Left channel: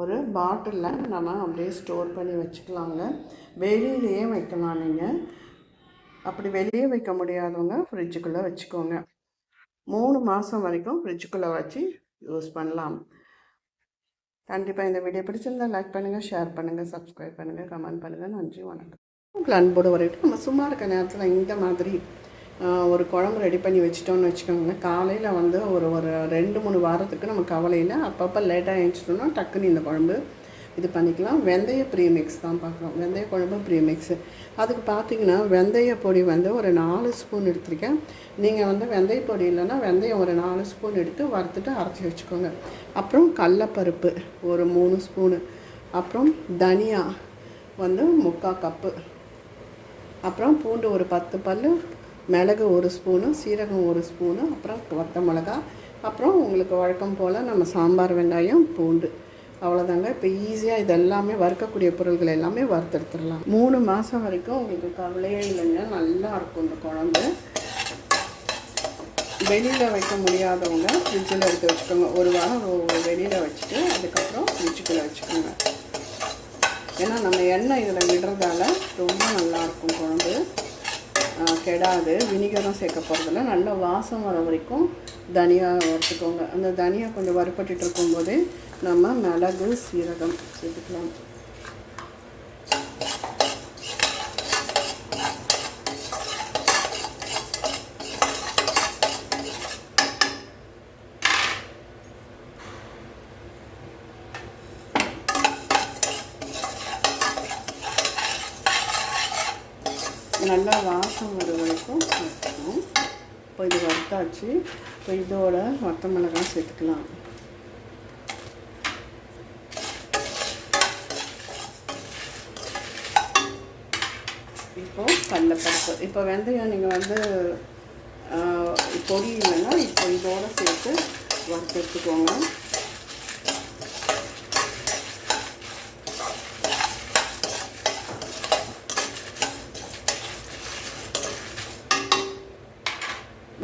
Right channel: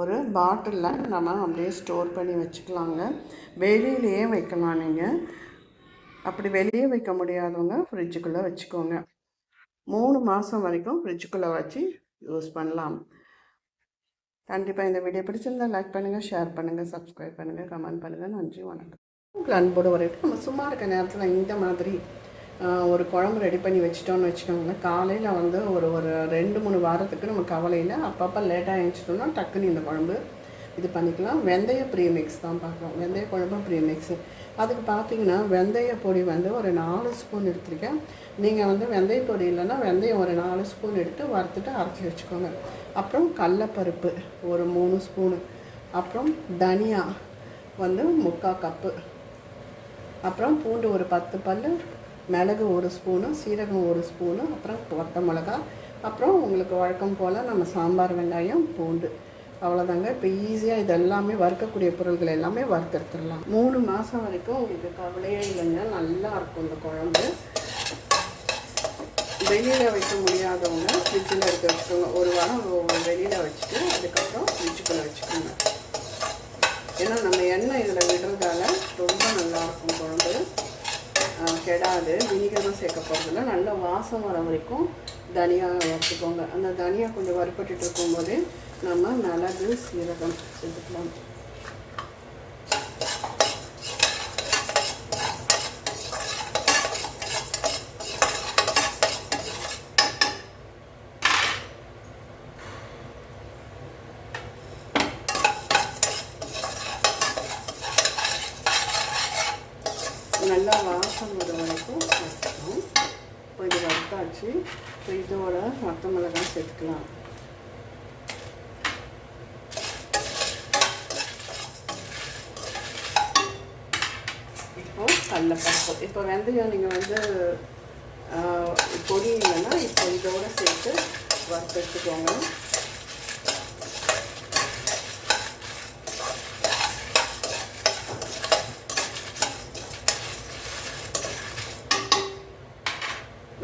ஒரு பாட்டிலில் நம்ம அப்படியே ஸ்டோர் பண்ணி வச்சுக்கலாங்க. வெளியிலேயே வைக்கலாம். நீங்கள் அப்படி வெளியே வைக்க முடியாதவங்க ஃப்ரிட்ஜுக்குள்ளே வச்சுக்கோங்க. 3 மாதம் வரைக்கும் ஃப்ரிட்ஜுக்குள்ளே வச்சு யூஸ் பண்ணலாம். கண்டிப்பாக இந்த வீடியோ பிடிச்சிருந்தால் லைக் பண்ணுங்கள், ஷேர் பண்ணுங்கள், சப்ஸ்கிரைப் பண்ணுங்கள், கமெண்ட் பண்ணுங்கள். நன்றி, வணக்கம். உங்களுக்கு அன்போடு வரைக்கும் நம்ம சும்மா இருக்க நேரத்தில் இந்த மாதிரி ஒரு குழம்பு ரெடி பண்ணி வச்சிட்டோம்னு வச்சுக்கோங்க. காலையில் வந்து ஒரு 2-3 வாரத்துக்கு நம்ம கவலையில் அப்பப்போ லேட்டாக எழுந்திரிச்சோம்னா டக்குன்னு இந்த குழம்பு இது பண்ணிக்கலாம். வெந்தய ப்ரீமிக்ஸ் தான் பார்க்குறோம். வெந்தய குழம்பு ப்ரீமிக்ஸு. அதுக்கு பார்த்திங்கன்னா வெந்தய பொடி வந்து ஒரு 4 ஸ்பூன் எடுத்துருக்கேன். நீங்கள் வந்து வெந்தய பொடி இல்லைன்னா வெந்தயம் ஒரு 4 ஸ்பூன் எடுத்து வறுத்துட்டு அரைச்சி வச்சுக்கோங்க. அப்புறம் கடலப்பருப்பு ஒரு 3 ஸ்பூனு, அப்புறம் தனியா வந்து 3/4 கப்பு, அப்புறம் பூண்டு ஒரு 10 பல், மிளகு 1 ஸ்பூனு, சீரகம் 1 ஸ்பூனு, அப்புறம் வத்த மிளகா, அப்புறம் உங்களுக்கு வழக்கம் போல் நம்ம சாம்பார் வெங்காயம், பூண்டு, அவ்வளோதாங்க. இப்போ ஈஸியாக இது எல்லாமே வறுக்கக்கூடிய பொருள்கள் எல்லாமே வறுத்தெடுத்துடலாம். 3 மாதம் வரைக்கும் உங்களுக்கு கவலையே இல்லைங்க. நல்லா இருக்கும் இந்த குழம்பு. வெளியில் வைக்க முடியாதவங்க ஃப்ரிட்ஜில் எடுத்து வச்சுக்கோங்க. ஒரு வாரம் வெளியில் வச்சுட்டு அதுக்கப்புறம் ஃப்ரிட்ஜுக்குள்ளே வச்சுக்கோங்க. ஏன்னா நம்ம எண்ணெய் இதில் விடுறதால ரொம்ப நல்லாயிருக்கும் குழம்பு. கெடாது. வினிகரும் சேர்க்க போகிறதில்ல. நல்லா வாசம் வர வரைக்கும் தனியாக வச்சுக்கோங்க. அந்த தனியா கொஞ்சம் வறுப்பட்டு இருக்கும்போதே நம்ம மிளகு, சீரகம் சேர்த்துக்கலாம். நல்லா வாசம் வர வரைக்கும் சேர்த்துக்கணும். இப்போ இது வறுத்தாச்சு. இப்போ இதோட வத்த மிளகாய் சேர்த்துக்கலாம். இப்போ கடலப்பருப்பு. இப்போ வெந்தயம் நீங்கள் வந்து பொடி இல்லைன்னா இப்போ இதோடு சேர்த்து வறுத்து எடுத்துக்கோங்க.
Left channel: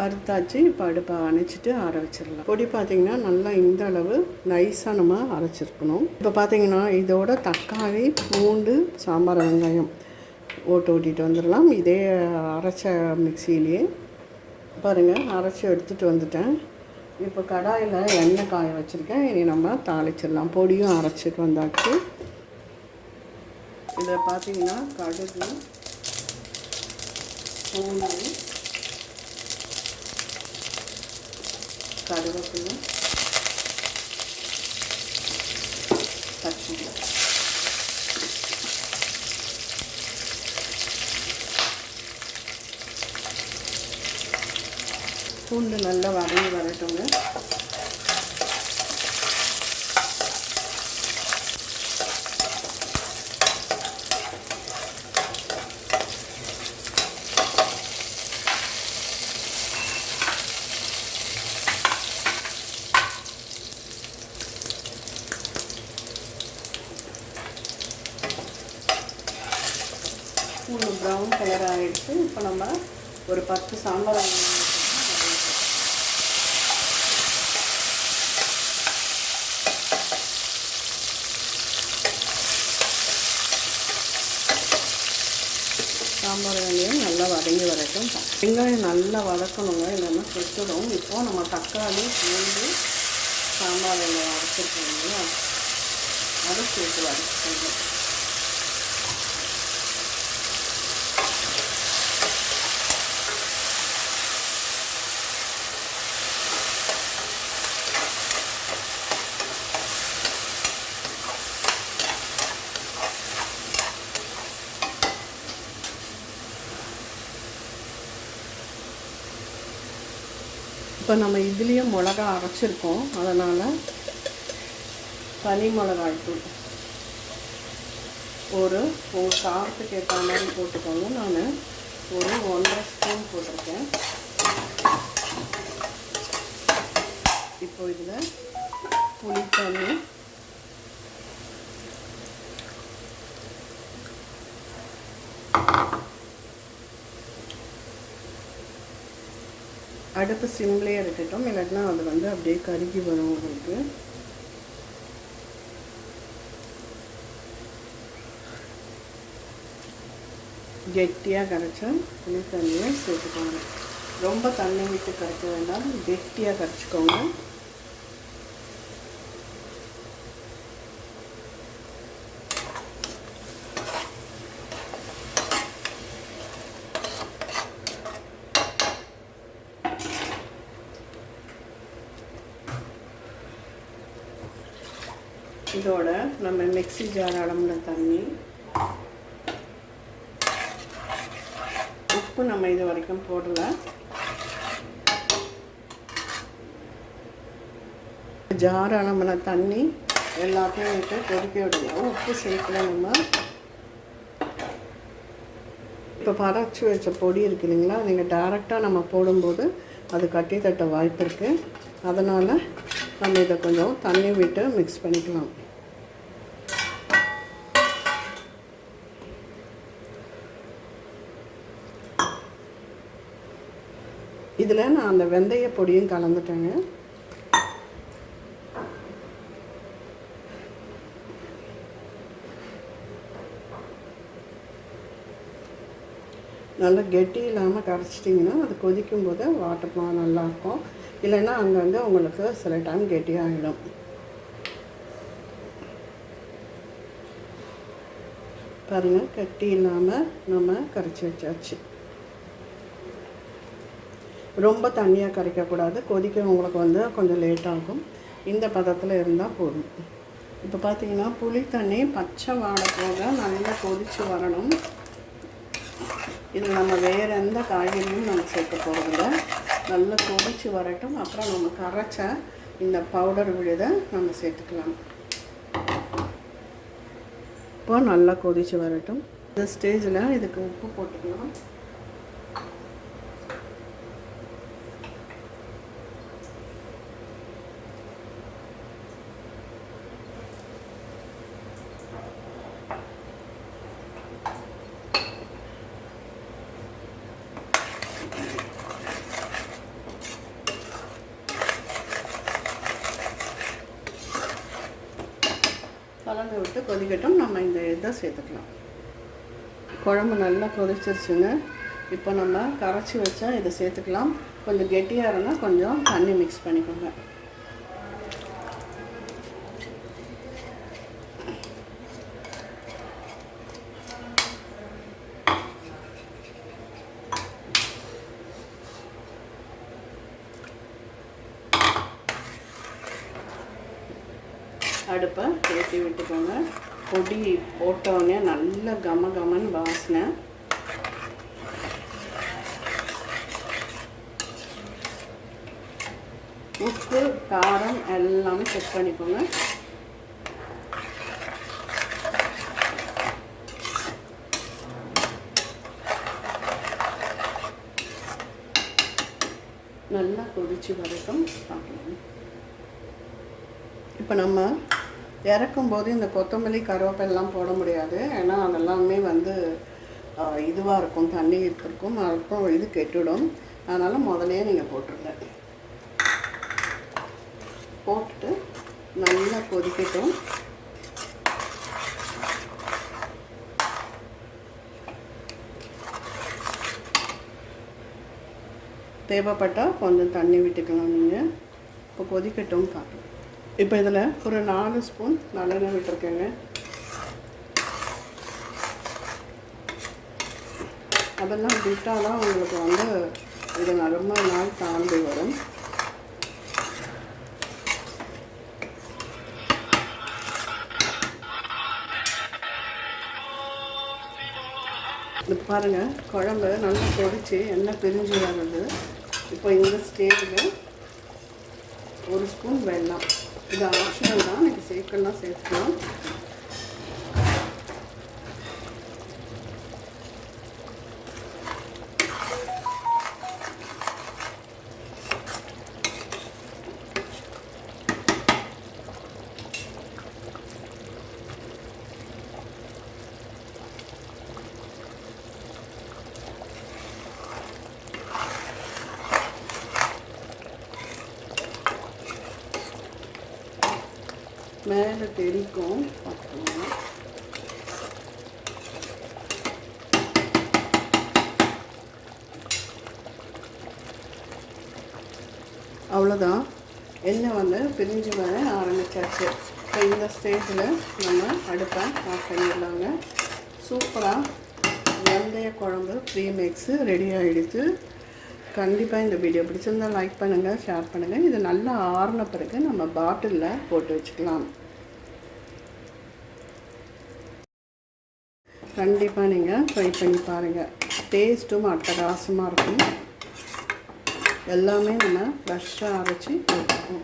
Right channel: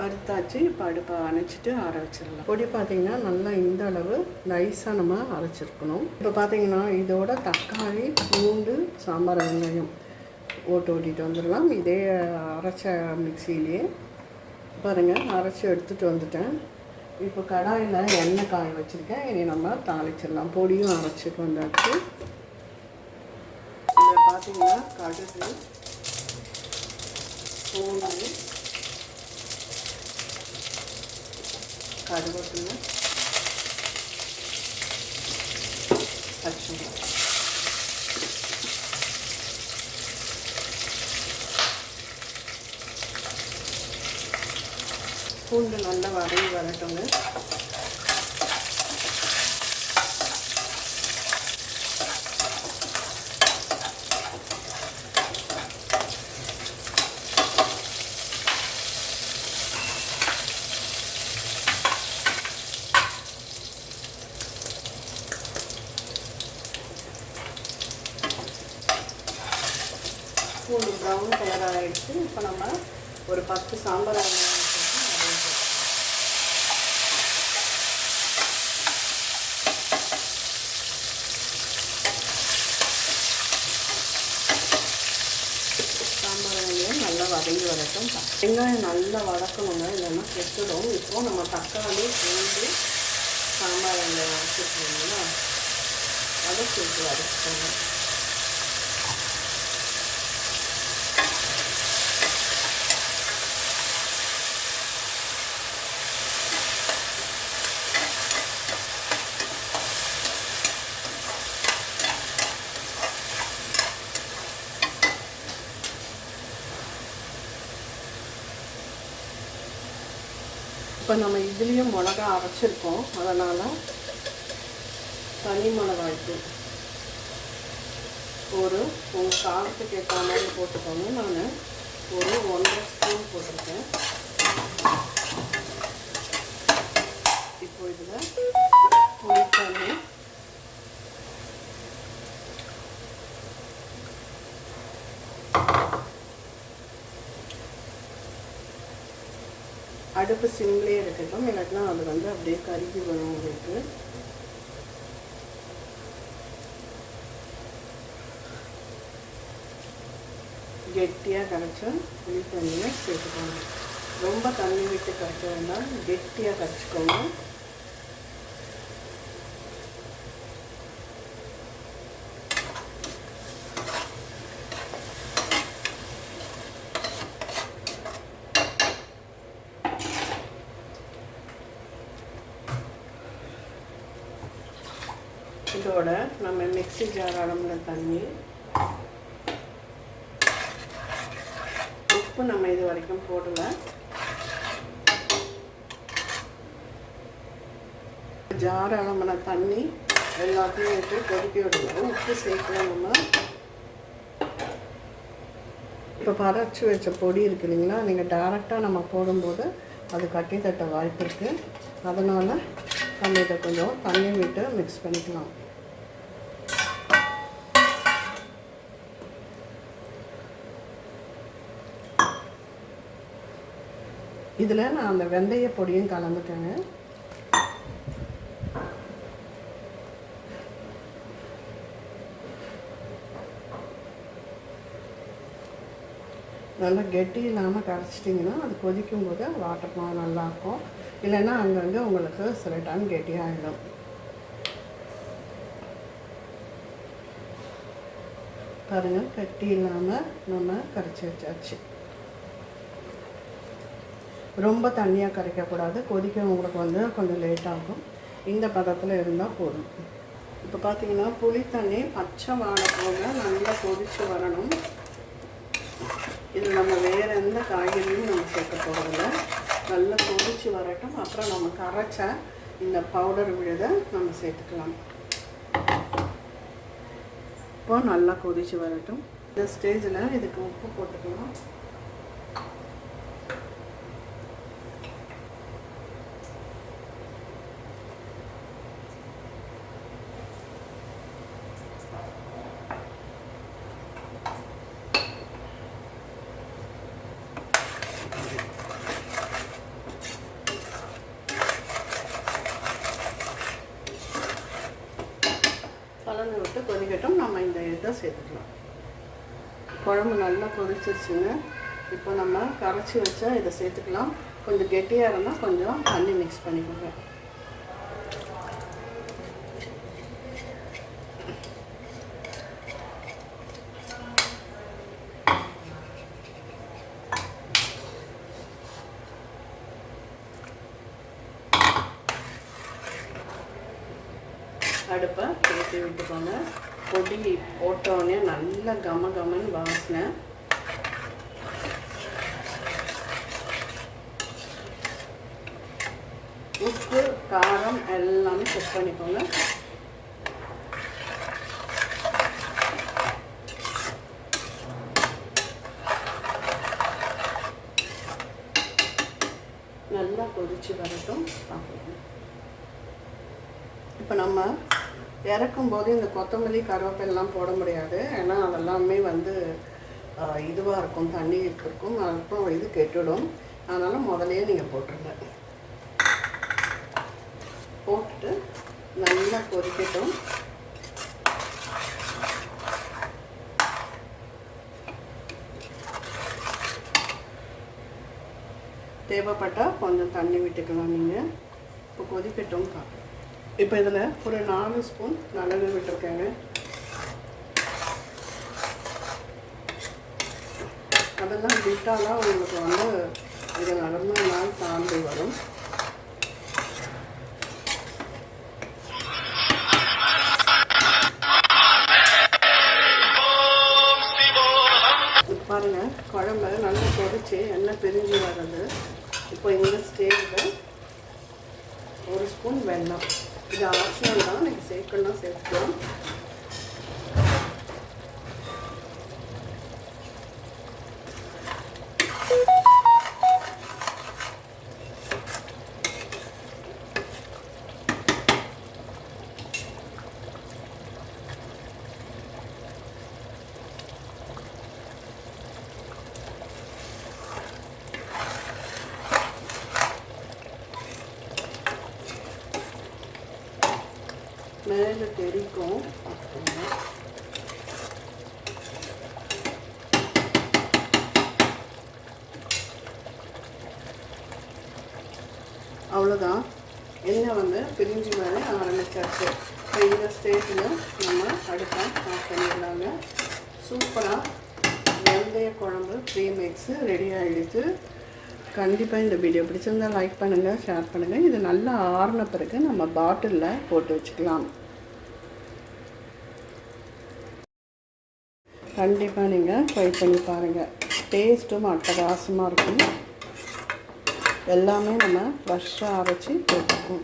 வறுத்தாச்சு. இப்போ அடுப்பை அணைச்சிட்டு ஆற வச்சிடலாம். பொடி பார்த்திங்கன்னா நல்லா இந்த அளவு நைஸாக நம்ம அரைச்சிருக்கணும். இப்போ பார்த்திங்கன்னா இதோட தக்காளி, பூண்டு, சாம்பார் வெங்காயம் ஓட்டிட்டு வந்துடலாம். இதே அரைச்ச மிக்சியிலேயே பாருங்கள் அரைச்சி எடுத்துகிட்டு வந்துட்டேன். இப்போ கடாயில் எண்ணெய் காய வச்சுருக்கேன். இனி நம்ம தாளிச்சிடலாம். பொடியும் அரைச்சிட்டு வந்தாச்சு. இதில் பார்த்திங்கன்னா கடுகு, பூண்டு, கருவேப்பிலை, பச்சை பூண்டு நல்லா வதங்கி வரட்டுங்க. பூண்டு ப்ரௌன் கலர் ஆகிடுச்சு. இப்போ நம்ம ஒரு 10 சாம்பார் வெங்காயம் நல்லா வதங்கி வரட்டும். வெங்காயம் நல்லா வதக்கணுங்க, இல்லைன்னா கெட்டுடும். இப்போது நம்ம தக்காளி, பூண்டு, சாம்பார் வெங்காயம் வச்சுருக்கோங்களா, அதை சேர்த்து வதக்கணும். இப்போ நம்ம இதுலேயும் மிளகா அரைச்சிருக்கோம். அதனால் தனி மிளகாய்த்தூள் ஒரு காரத்துக்கு ஏற்ற மாதிரி போட்டுக்கோங்க. நான் ஒரு 1.5 ஸ்பூன் போட்டிருக்கேன். இப்போ இதில் புளித்தண்ணி, அடுப்பு சிம்லேயே இருக்கட்டும், இல்லைன்னா அது வந்து அப்படியே கருகி வரும். கெட்டியாக கரைச்சா புளி தண்ணியை சேர்த்துக்கோங்க. ரொம்ப தண்ணி விட்டு கரைக்க வேண்டாம், கெட்டியாக கரைச்சிக்கோங்க. இதோட நம்ம மிக்ஸி ஜார் அளவுன தண்ணி, உப்பு நம்ம இது வரைக்கும் போடல, ஜார் அளவுன தண்ணி எல்லாத்தையும் விட்டு கொதிக்க விடுவோம். உப்பு சேர்க்கலாம். நம்ம இப்போ பறச்சு வச்ச பொடி இருக்கு இல்லைங்களா, நீங்கள் டைரெக்டாக நம்ம போடும்போது அது கட்டி தட்ட வாய்ப்பு இருக்குது. அதனால் நம்ம இதை கொஞ்சம் தண்ணி விட்டு மிக்ஸ் பண்ணிக்கலாம். இதில் நான் அந்த வெந்தய பொடியும் கலந்துட்டேங்க. நல்லா கெட்டி இல்லாமல் கரைச்சிட்டிங்கன்னா அது கொதிக்கும் போது வாட்டர்லாம் நல்லாயிருக்கும். இல்லைன்னா அங்கங்கே உங்களுக்கு சில டைம் கெட்டியாகிடும். பாருங்கள், கட்டி இல்லாமல் நம்ம கரைச்சி வச்சாச்சு. ரொம்ப தண்ணியாக கரைக்கக்கூடாது, கொதிக்க உங்களுக்கு வந்து கொஞ்சம் லேட் ஆகும். இந்த பதத்தில் இருந்தால் போதும். இப்போ பார்த்தீங்கன்னா புளி தண்ணி பச்சை வாடை போல நல்லா கொதித்து வரணும். இதில் நம்ம வேறு எந்த காய்கறியும் நம்ம சேர்க்க போகிறதில்ல. நல்லா கொதித்து வரட்டும். அப்புறம் நம்ம கரைச்ச இந்த பவுடர் விழுதை நம்ம சேர்த்துக்கலாம். இப்போ நல்லா கொதித்து வரட்டும். இந்த ஸ்டேஜில் இதுக்கு உப்பு போட்டுக்கலாம். கலந்து விட்டு கொதிக்கட்டும். நம்ம இந்த இதை சேர்த்துக்கலாம். குழம்பு நல்லா கொதிச்சிருச்சுங்க. இப்போ நம்ம கரைச்சி வச்சா இதை சேர்த்துக்கலாம். கொஞ்சம் கெட்டியாக இருந்தால் கொஞ்சம் தண்ணி மிக்ஸ் பண்ணிக்கோங்க. அடுப்பை ஏற்றி விட்டுக்கோங்க. பொடி போட்டோடனே நல்ல கம கமன்னு வாசனை. உப்பு காரம் எல்லாமே செக் பண்ணிக்கோங்க. நல்லா கொதிச்சு வரட்டும். இப்போ நம்ம இறக்கும்போது இந்த கொத்தமல்லி கருவேப்பிலாம் போட முடியாது. ஏன்னா அதெல்லாமே வந்து இதுவாக இருக்கும், தண்ணி இருக்கும், அப்புறம் இது கெட்டுடும். அதனால் முதலையே நீங்கள் போட்டுருங்க. போட்டு நல்லா கொதிக்கட்டும். தேவைப்பட்டால் கொஞ்சம் தண்ணி விட்டுக்கலாம் நீங்கள். இப்போ கொதிக்கட்டும் பார்க்கலாம். இப்போ இதில் ஒரு 4 ஸ்பூன் நல்லெண்ணெய் விட்டுருக்கேங்க. அதெல்லாம் விட்டாலும் உங்களுக்கு வந்து இது ரொம்ப நாள் தாண்டி வரும். இப்போ பாருங்கள், குழம்பு நல்லா கொதிச்சு எண்ணெய் பிரிஞ்சு வருது. இப்போ இந்த ஸ்டேஜில் 1 ஸ்பூன் வெல்லம். இது ஆப்ஷனல் தான், நீங்கள் சேர்க்கணும் சேர்த்துக்கலாம். மேலே தெரிக்கும். அவ்வளோதான், எண்ணெய் வந்து பிரிஞ்சு வர ஆரம்பிச்சாச்சு. இப்போ இந்த ஸ்டேஜில் நம்ம அடுப்பை ஆஃப் பண்ணிடலாங்க. சூப்பராக வெந்தய குழம்பு ப்ரீமிக்ஸு ரெடி ஆகிடுச்சு. கண்டிப்பாக இந்த வீடியோ பிடிச்சிருந்தால் லைக் பண்ணுங்கள், ஷேர் பண்ணுங்கள். இது நல்லா ஆறின பிறகு நம்ம பாட்டிலில் போட்டு வச்சுக்கலாம். கண்டிப்பாக நீங்கள் ட்ரை பண்ணி பாருங்கள். டேஸ்ட்டும் அட்டகாசமாக இருக்கும். எல்லாமே நம்ம ஃப்ரெஷ்ஷாக அரைச்சி போட்டுக்கோம்.